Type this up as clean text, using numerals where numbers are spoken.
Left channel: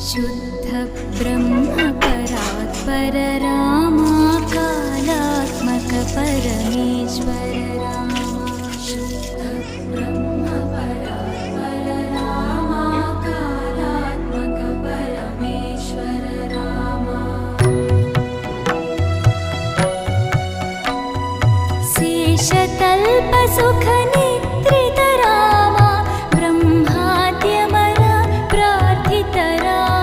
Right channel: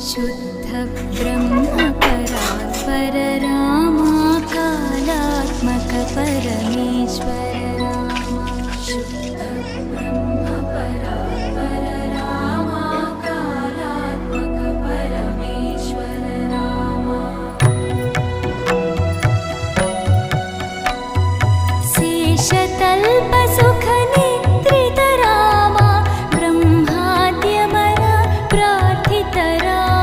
शुद्ध ब्रह्म परात्पर रामा कालात्मक परमेश्वर रामा शुद्ध ब्रह्म परात्पर रामा कालात्मक परमेश्वर रामा शेषतल्प सुख निद्रित रामा ब्रह्माद्यमर प्रार्थित रामा